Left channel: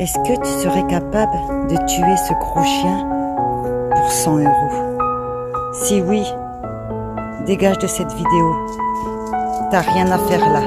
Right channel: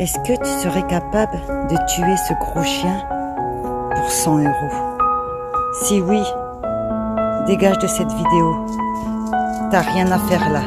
Est-ce que tu serais capable de tuer ce gros chien pour 100 €? Si oui, dégage de cette vidéo. T'as rien à faire là.